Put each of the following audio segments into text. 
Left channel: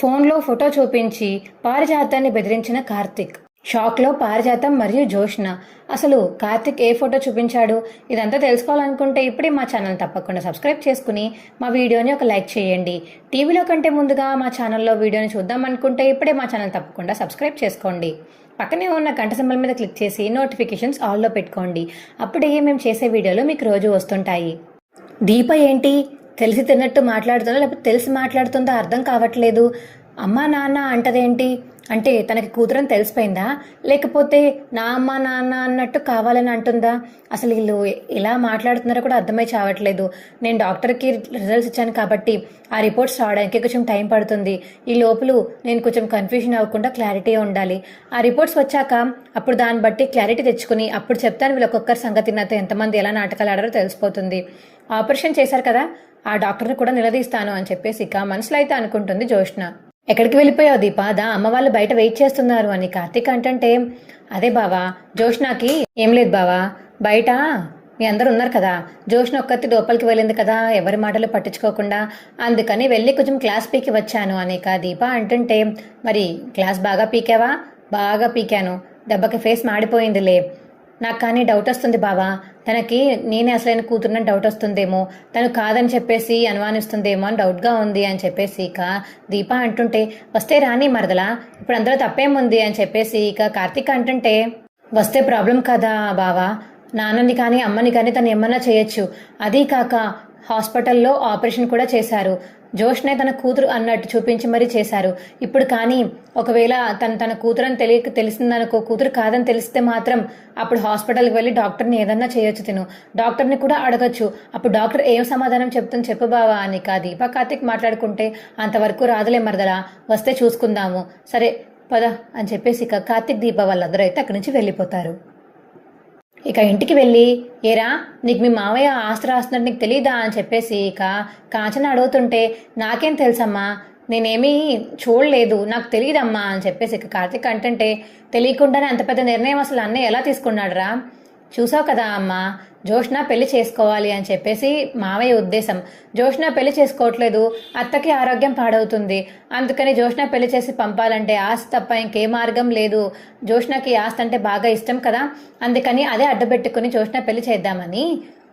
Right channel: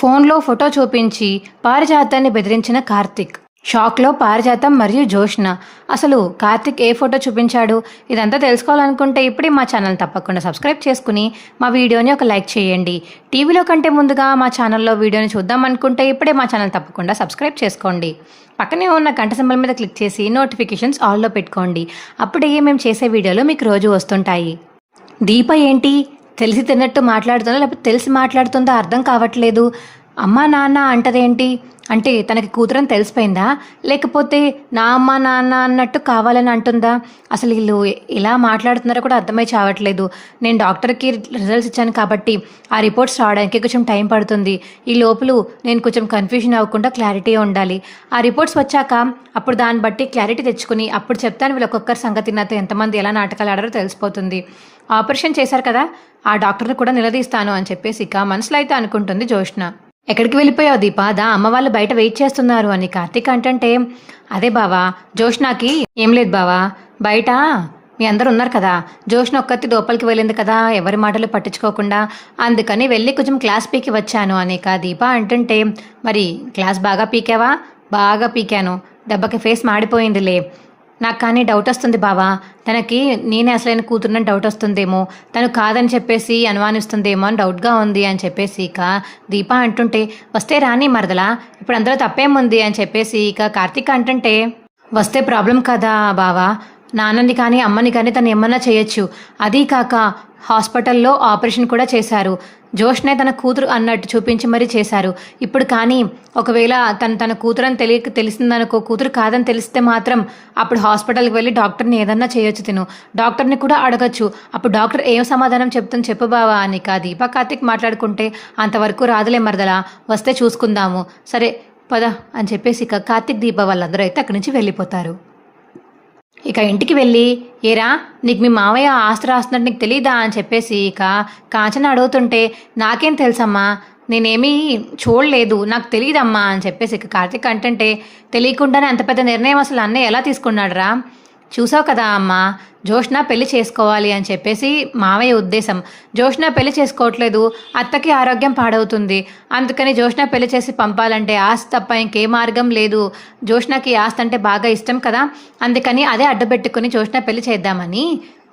ఫోన్లో ఫోటో చూపించి పారిజాతాన్ని బెదిరించిన కార్తిక్. షాక్లో పారిజాతం మరియు జోష్న. అసలు కార్తిక్ ఏ ఫోటో చూపించాడు? ఇదంతా తెలుసుకోవాలనుకుంటే ఇప్పుడే మా ఛానల్ తప్పకుండా సబ్స్క్రైబ్ చేసుకుని మా వీడియోని ఒక లైక్ చేయండి. టీవీలో కంటే ముందుగా మా ఛానల్లో వీడియోని చూద్దాం అనుకుంటే ఇప్పుడే మా ఛానల్ తప్పకుండా సబ్స్క్రైబ్ చేసుకోండి. పక్కనే ఉన్న గంట సింబల్ మీద క్లిక్ చేసి నోటిఫికేషన్స్ ఆల్లో పెట్టుకోండి. అప్పుడే మేము చేసే వీడియోలు మీకు రోజు వస్తుంటాయి. దీప ఏంటి తెలిసి తిన్నట్టు మాట్లాడుతుందో లేకపోతే తెలిసి మాట్లాడుతుందో అర్థం కావట్లేదు. అమ్మా నాన్న అంటదేంటి? అంటే తనకి కూతురని తెలిసిపోయిందా, లేకపోతే నా అమ్మ నాన్న అన్నట్టు కావాలని అంటుందా? అసలు వీళ్ళు ఎలా మాట్లాడుతున్నారో కూడా అర్థమై చావట్లేదు. నేను డాక్టర్కి రిజల్ట్స్ ఇచ్చాను కాబట్టి ఆ రిపోర్ట్స్ రావడానికి కొంచెం టైం పడుతుంది. ఈ లోపల నేను కొంచెం కన్ఫ్యూజన్ అవ్వకుండా క్లారిటీ ఉండాలి. ఆ రిపోర్ట్స్ వచ్చాక అప్పుడు దాన్ని బట్టి క్లారిటీ తెచ్చుకుని అప్పుడు చెప్తాను వీళ్ళు ఒక్కొక్కరి సంగతి నాతో ఎంతమంది ఎలా నాటకాలు ఆడారో తెలిసిపోతుంది. ఆపరేషన్ చేశారు కదా, ఆ డాక్టర్ని కూడా నిలదీస్తాను అని చెప్పేసి ఇక మనసులో అయితే అనుకుంటుంది జోష్న. ఎక్కడికి వెళ్ళిపోయావు దీపా? దా అమ్మ వాళ్ళు బయట వెయిట్ చేస్తున్నారు అని కార్తీక్ అంటే, అదే బావా జోష్నాకి ఏం లేదు బావా, బయట మీ అందరూ ఉన్నారు కదా, జోష్న ఒక్కతి లోపలికి వెళ్ళింది కదా ఎవరి మాటలు పట్టించుకోకుండా, అందుకని వెళ్ళి కొంచెం క్లాస్ పీకి వచ్చాను అని దీప అంటుంటే, మరి క్లాస్ బాగా పీకావా? బాగా పీకాను, దెబ్బకి ఫేస్ మాడిపోయిందిలే. నాకు కానీ డౌట్ వస్తుంది బావా, తనకి నేనే అసలైన కూతురుని డౌట్ వస్తుందేమో, తను కాదని చెప్పేసి అనుమానిస్తుందేమో అని డౌట్గా ఉంది అని చెప్పేసి ఇక దీప అంటుంటే, వస్తే రాని మరదలా, ఇప్పుడు అందరూ తప్పేముంది అని చెప్పేసి ఇక కార్తీక్ అంటుంటే, వస్తే ప్రాబ్లం కదా బావా, నాన్నని కానీ అమ్మని కానీ తను ఏమన్నా చేయొచ్చు. అదీ కాక హాస్పిటల్లో ఆపరేషన్ కూడా చేశారు. జోష్నే తన కూతురు అన్నట్టు చూపించి మరీ చేశారు. ఇప్పుడు కానీ ఒకవేళ తన కూతురు అని తెలిసిందనుకో, కూతురు కాదని తెలిస్తే మాత్రం అప్పుడు హాస్పిటల్కి వెళ్ళి డాక్టర్ని ఏదన్నా చేయొచ్చు. తిను డాక్టర్ని కూడా అడగచ్చు. అప్పుడు డాక్టర్ ఏం సమాధానం చెప్తుంది చెప్పు బావా అని దీప కార్తీక్ మాట్లాడుకుంటే, అంతవరకు రాదులే మరదలా, వస్తే చూసుకుందాము, సరే పద అని చెప్పేసి ఇక కార్తీక్ దీప వాళ్ళందరూ అయితే అక్కడి నుంచి వెళ్ళిపోతారు. ఇక ఇంటికి వెళ్ళి, ఏరా నీకు మీ మావయ్య ఆస్తి రాస్తున్నట్టు నీకు తెలీదా అని చెప్పేసి ఇక కాంచన అడుగుతుంటే, నాకేం తెలుసమ్మా, నేనేమీ చూడలేదు, నాకు తెలియదమ్మా అని చెప్పేసి ఇక కార్తీక్ అంటే, తెలియకుండానే అంత పెద్ద నిర్ణయం అసలు అన్నయ్య ఎలా తీసుకున్నాడురా? చూసావు కదా అమ్మా, జోష్న పెళ్లి చేసుకోవాలి అని చెప్పేసి మావయ్య ఉద్దేశం. జోష్న పెళ్లి చేసుకోవట్లేదు, అత్తకి ఆరోగ్యం పాడవుతుంది, అందుకని జోష్న పెళ్లి చేసి పంపాలంటే ఆస్తి తప్ప ఇంకే మార్గం లేదు. జోష్నకి ఆస్తి అంటే బాగా ఇష్టం కదా, అందుకని అదే అడ్డుపెట్టుకుని జోష్న పెళ్లి చేద్దామని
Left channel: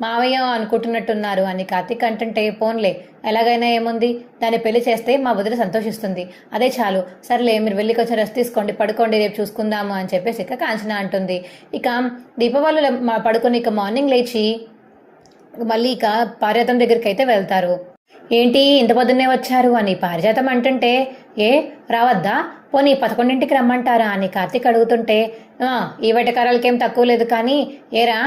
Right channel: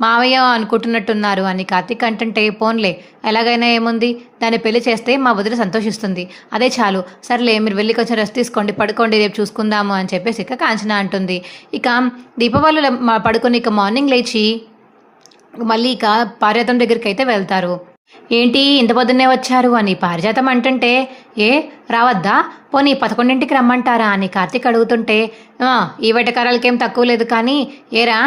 మావయ్య అనుకుంటున్నట్టున్నారు అని కార్తీక్ అంటే, పోన్లే ఎలాగైనా ఏముంది, దాన్ని పెళ్లి చేస్తే మా వదిలి సంతోషిస్తుంది, అదే చాలు, సర్లే మీరు వెళ్ళి కొంచెం రెస్ట్ తీసుకోండి, పడుకోండి, రేపు చూసుకుందాము అని చెప్పేసి ఇక కాంచన అంటుంది. ఇక దీపావళి పడుకుని ఇక మార్నింగ్ లేచి మళ్ళీ ఇక పారిజాతం దగ్గరికి అయితే వెళ్తారు. ఏంటి ఇంత పొద్దున్నే వచ్చారు అని పారిజాతం అంటుంటే, ఏ రావద్దా, పోనీ 11ంటికి రమ్మంటారా అని కార్తీక్ అడుగుతుంటే, ఈ వెటకారాలకేం తక్కువ లేదు కానీ ఏరా,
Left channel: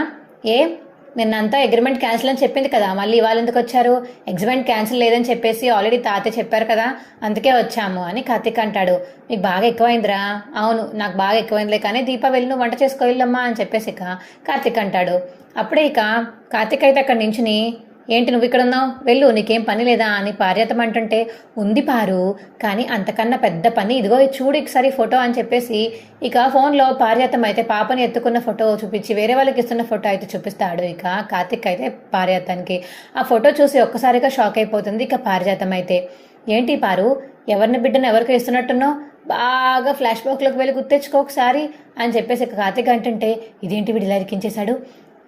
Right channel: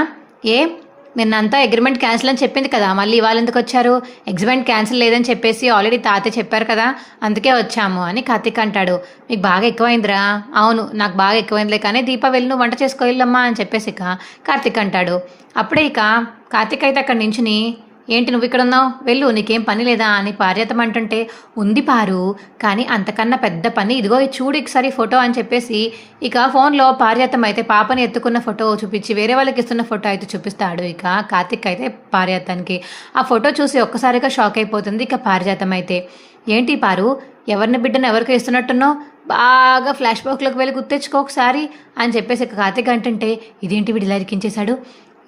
నిన్నంతా అగ్రిమెంట్ క్యాన్సిల్ అని చెప్పింది కదా, మళ్ళీ ఇవాళ ఎందుకు వచ్చారు? అగ్రిమెంట్ క్యాన్సిల్ లేదని చెప్పేసి ఆల్రెడీ తాతయ్య చెప్పారు కదా, అందుకే వచ్చాము అని కార్తీక్ అంటాడు. మీకు బాగా ఎక్కువైందిరా? అవును నాకు బాగా ఎక్కువైందిలే, కానీ దీప వెళ్ళి నువ్వు వంట చేసుకోయిల్లమ్మా అని చెప్పేసి ఇక కార్తీక్ అంటాడు. అప్పుడే ఇక కార్తీక్ అయితే అక్కడి నుంచుని, ఏంటి నువ్వు ఇక్కడ ఉన్నావు, వెళ్ళు, నీకేం పని లేదా అని పారిజాతం అంటుంటే, ఉంది పారు, కానీ అంతకన్నా పెద్ద పని, ఇదిగో చూడు ఒకసారి ఫోటో అని చెప్పేసి ఇక ఫోన్లో పారిజాతం అయితే పాపని ఎత్తుకున్న ఫోటో చూపించి వేరే వాళ్ళకి ఇస్తున్న ఫోటో అయితే చూపిస్తాడు. ఇక కార్తీక్ అయితే పారిజాతానికి ఆ ఫోటో చూసి ఒక్కసారిగా షాక్ అయిపోతుంది. ఇక పారిజాతం అయితే, ఏంటి పారు, ఎవరిని బిడ్డను ఎవరికి ఇస్తున్నట్టున్నావు, బాగా ఫ్లాష్ బ్యాక్లోకి వెళ్ళి గుర్తెచ్చుకో ఒకసారి అని చెప్పేసి ఇక కార్తీక్ అంటుంటే, ఇదేంటి వీడు ఇలా ఇరికించేశాడు,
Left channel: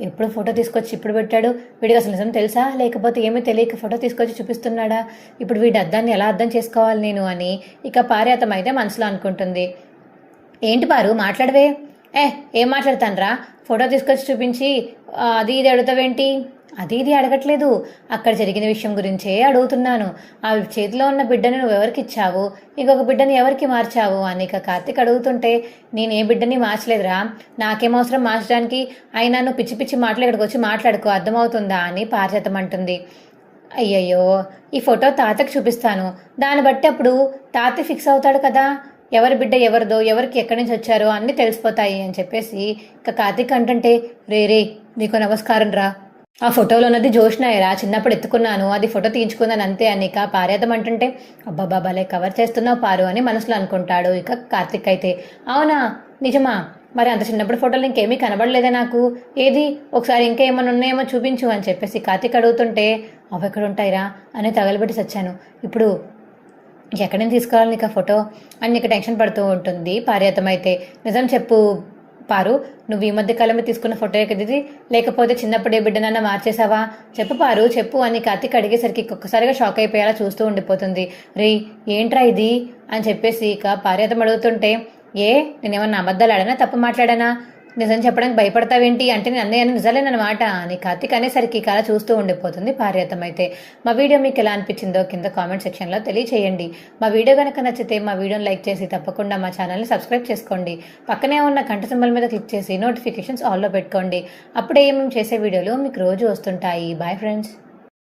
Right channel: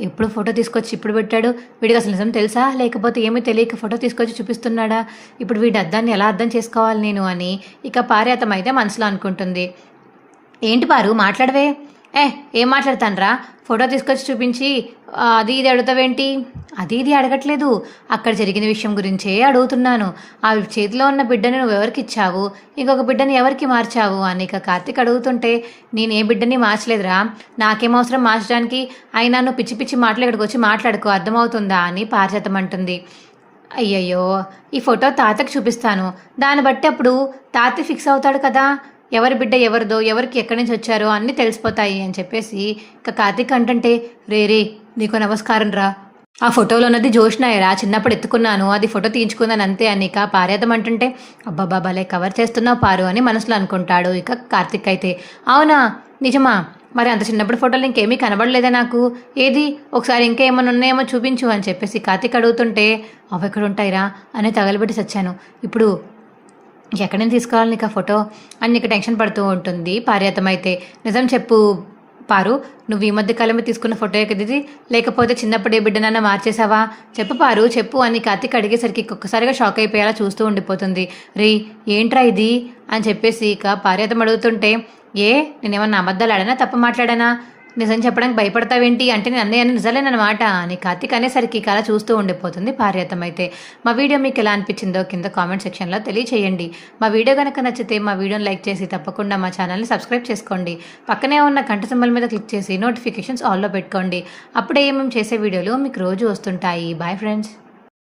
ఎప్పుడు ఫోటో తీసుకొచ్చి ఇప్పుడు పెట్టాడు, వీడికి అసలు నిజం తెలుసా లేకపోతే ఏమీ తెలియక ఫోటో తీసుకొచ్చి చూపిస్తున్నాడా, ఇప్పుడు వీడి అర్థాన్ని ఎలా అర్థం చేసుకోవాలి నేను అని ఇక పారిజాతం అయితే మనసులో అనుకుంటుంది. ఏంటి పారు మాట్లాడవే? ఏం మాట్లాడతానరా, ఫోటో తీసుకొచ్చి చూపించి అది ఇది అడుగుతావేంటి? అది ఇది అడగట్లేదు, అక్కడ జరిగిన విషయం గురించే అడుగుతున్నాను. ఆ చేతిలో ఉన్న బిడ్డని నువ్వు ఎవరికి ఇచ్చావు, ఇంకొక బిడ్డని ఎవరికి మార్చావు అని ఇక కార్తీక్ అడుగుతుంటే, నేను ఏ బిడ్డని మార్చలేదురా, నాకేం అవసరం మార్చడానికి, అయినా నువ్వు పిచ్చి పిచ్చి మాటలు ఇక్కడికి వచ్చి మాట్లాడుకో, అర్థమవుతుందా అని పారిజాతం అంటుంది. అయ్యయ్యో, ఈ ఫోటో తాతకు చూపిస్తాను, దాన్ని బట్టి అప్పుడు తాత ఫిక్స్ అవుతాడు కదా, ఎవరి బిడ్డ ఎవరిదో, ఎవరికి ఎక్కడి నుంచి వచ్చారో అన్నీ తెలిసిపోతాయి అని చెప్పేసి ఇక కార్తీక్ అంటుంటే, రే నీకు నమస్కారం రా, ఆ ఫోటోలో ఉన్నది జోష్నాయరా, చిన్నప్పుడు ఎత్తుకున్నాను, అది ఫోటో తీయించుకున్నాను అంతే అని ఇక పారిజాతం అంటుంటే, అబ్బాబా భలే కవర్ చేస్తున్నావు పారు అని మనసులో అనుకుంటాడు. ఇక కార్తీక్ అయితే, అవునా నిజమా, మరి అంత చిన్నప్పుడు ఫోటోలు ఇంకేమీ కనబడలేదే నాకు, ఏది ఒకసారి ఇంకేమన్నా ఉన్నాయేమో చూపించు అని చెప్పేసి కార్తీక్ అడుగుతుంటే, అవి ఎక్కడ ఉంటాయిరా అని తగలబెట్టి చచ్చాను, ఇప్పుడు ఎక్కడి నుంచి తీసుకోవాలి నీకు ఆ ఫోటో అని నీకు టెన్షన్ పడుతూ ఉంటుంది పారిజాతం అయితే. నిజం చెప్పు పారు, నువ్వు ఈ మధ్య కాలంలో తీసుకున్న ఫోటో కదా ఇది, లేకపోతే చిన్నప్పుడే బిడ్డనన్నా మార్చేసావా? చెప్పు పారు చెప్పు అని కార్తీక్ అడిగేసరికి ఒక్కసారిగా షాక్ అయిపోయేలా చూస్తూ ఉండిపోతుంది. రే ఏంట్రా ఇది అని చెప్పేసి ఇక పారిజాతం అడుగుతుంటే, ఏ నేనేమన్నా అబద్ధాలు ఆడానా, తప్పు మాట్లాడానా, నిజం చెప్పడానికి భయపడతావేంటి అంటే నేను అన్నయ్య అని నిజాలేనమాట అని కార్తీక్ అనేసరికి ఇక అలా చూస్తూ ఉండిపోతుంది పారిజాతం అయితే. మా వీడియో మీకు ఎలా అనిపించిందో కింద కామెంట్ సెక్షన్లో తెలియచేయండి. మా వీడియో కనుక నచ్చితే మా వీడియోని లైక్ చేసి తప్పకుండా మా ఛానల్ని సబ్స్క్రైబ్ చేసుకోండి. పక్కనే ఉన్న గంట సింబల్ మీద క్లిక్ చేసి నోటిఫికేషన్స్ ఆల్లో పెట్టుకోండి. అప్పుడే మేము చేసే వీడియోలు మీకు రోజు వస్తుంటాయి. Bye friends.